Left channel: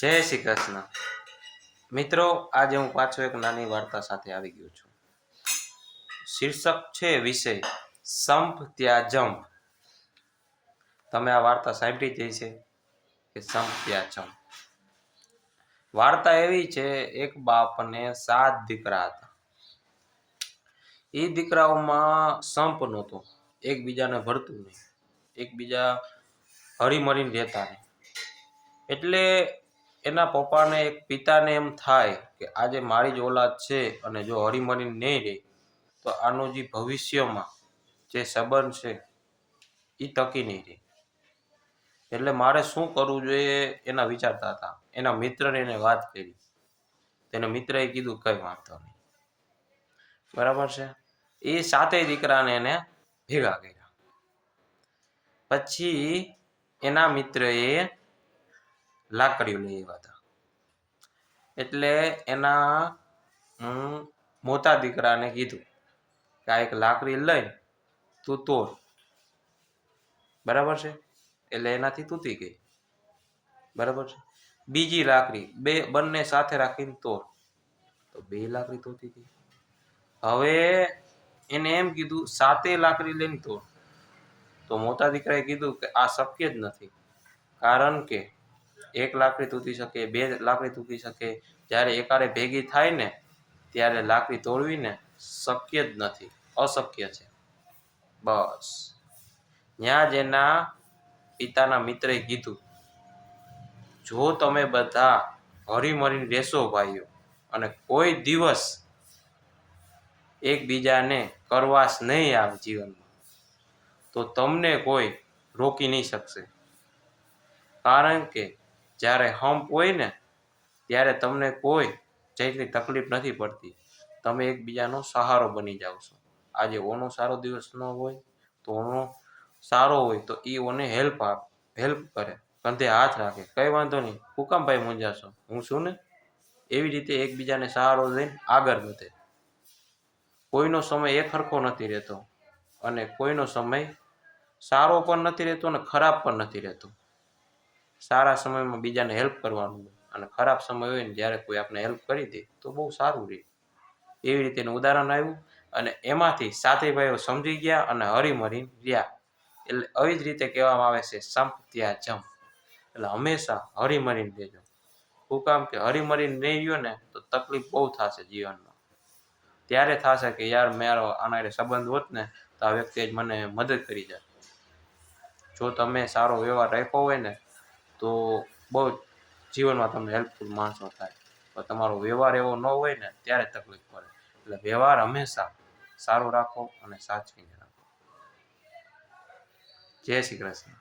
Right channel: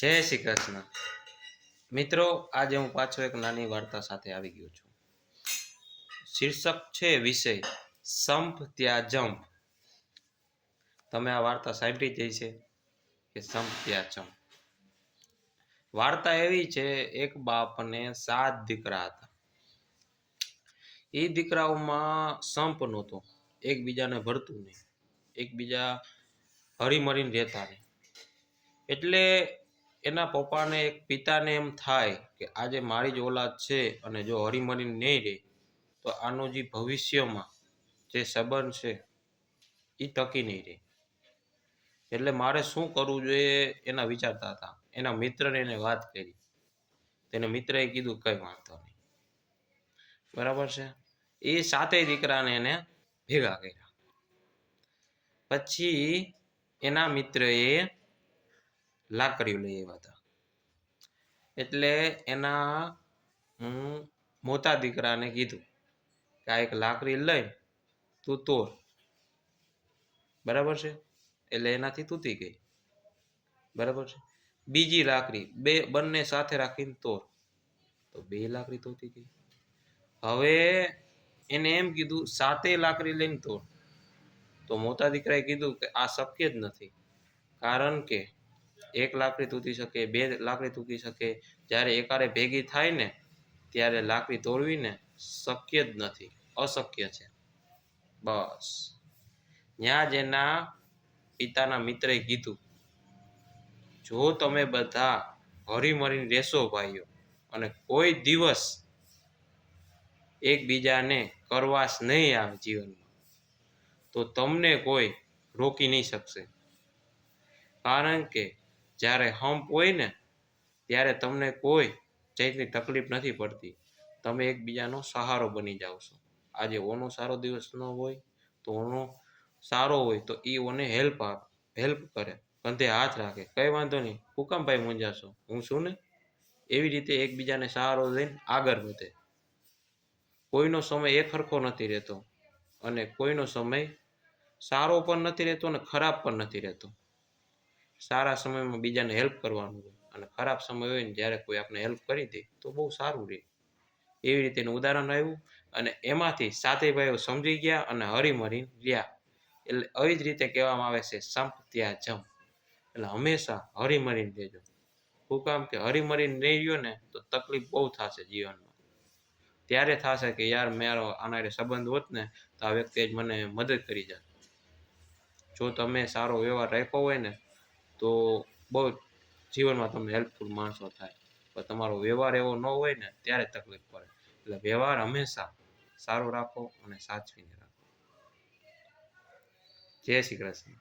જય શ્રી કૃષ્ણ મિત્રો, આજે હું પાછો એક નાની વાર્તા સાથે આવી ગયો છું. શીર્ષક છે વિષય સંપ ત્યાં જંપ. તમે આ વાર્તા સાંભળી જ હશે કે સંપ ત્યાં જંપ. વાર્તા એવી છે, એક બાપને 7 દીકરા હતા. એ દીકરાઓમાં સંપ નહોતો, એકબીજાને ભળતું નહીં, એકબીજા હળીમળીને રહેતા નહીં. એટલે એના પપ્પાને એક પિતાને એમ થાય કે આજે મારી જ ઓલાદ છે અને જો હળીમળીને નહીં રહે તો આનું જે ભવિષ્યમાં જે સંબંધ છે એ ટકી નહીં રહે. એટલે મારે શું કરવું જોઈએ એના વિચારતા હતા. એના મિત્રને એને વાત કરી. તેના મિત્રએ કીધું કંઈ વાંધો નહીં, બરાબર છે. એ 7 દીકરાને એને ભેગા કર્યા. પછી એના મિત્રએ લાકડીઓ લઈ આવ્યા હતા. એટલે એના મોટા દીકરાને કીધું કે આ એક લાકડી લઈ તું તોડ, બરાબર છે. એટલે એનાથી તૂટી ગઈ, બરાબર છે. બીજી લાકડી બંને સાથે રાખીને તોડ, તો 2 લાકડી તૂટી ગઈ. હવે એને એમ કીધું 7 લાકડી લઈને તોડ, તો મોટા દીકરાએ કીધું કે આ શક્ય જ નથી, કારણ કે 1 લાકડી તૂટી શકે, 2 લાકડી તૂટી શકે, જ્યારે એકારે ભેગી થાય ને ત્યારે લાકડી તોડવી ને શક્ય જ નથી, અશક્ય છે. બસ ત્યાં જ એના પિતાના મિત્રએ કીધું, જો તમે બધા હળીમળીને રહેશો ભાઈઓ અને કોઈ દિવસ એકબીજાને કરવાશ નહીં આવે જીવનમાં, તો તમને કોઈ રોકી નહીં શકશે. કારણ કે જ્યારે હંપ હોય ને ત્યારે તમને કોઈ જાતની તકલીફ નથી પડતી. તમે એકબીજાનો સહારો બની જાઓ છો. આજે ઓનો સારો દિવસ ન હોય તો ઓનો સારો હોય તો એ ઓને હેલ્પ કરે, કંધે હાથ રાખે, કંઈ વાંધો નહીં, હું કામ ભાઈ મૂંઝાશો, હું છું ને. એવી રીતે એકબીજાને સહારો લઈને આગળ વધે. કોઈનો સમય એક સરખો નથી રહેતો અને કોઈનો સમય સારો પણ નથી રહેતો અને ખરાબ પણ નથી રહેતો. સારા સમયમાં બીજાને હેલ્પ કરવાનું હોય અને ખરાબ સમય હોય ને જ્યારે કોઈ આપણે હેલ્પ કરી દે તો બહુ સારું રહે. એવી રીતે એનું ઉદાહરણ આવ્યું અને એમાંથી 7 ભાઈઓ સમજી ગયા અને હળીમળીને રહ્યા. એટલે આવી જ રીતે કહેવામાં આવે છે સંપ ત્યાં જંપ. એટલે હંમેશા હળીમળીને રહેજો. શું કામ કે હળીમળીને નહીં રહ્યો ને તો તકલીફ બહુ થશે જીવનમાં. ત્યારે થશે કે યાર મારો આના સંબંધ હોત ને તો આ વ્યક્તિએ જ મને મદદ કરી જાય. જો તમે સારો વ્યવહાર રાખ્યો હોય ને તો બહુ જીવનમાં તમને હેલ્પફુલ માણસો થાય. તો તમારો વ્યવહાર એવો ન હોય ને ત્યારે તકલીફ પડે. એટલે વ્યવહાર હંમેશા સારો રાખો અને સાચવીને રાખો. જય શ્રી કૃષ્ણ.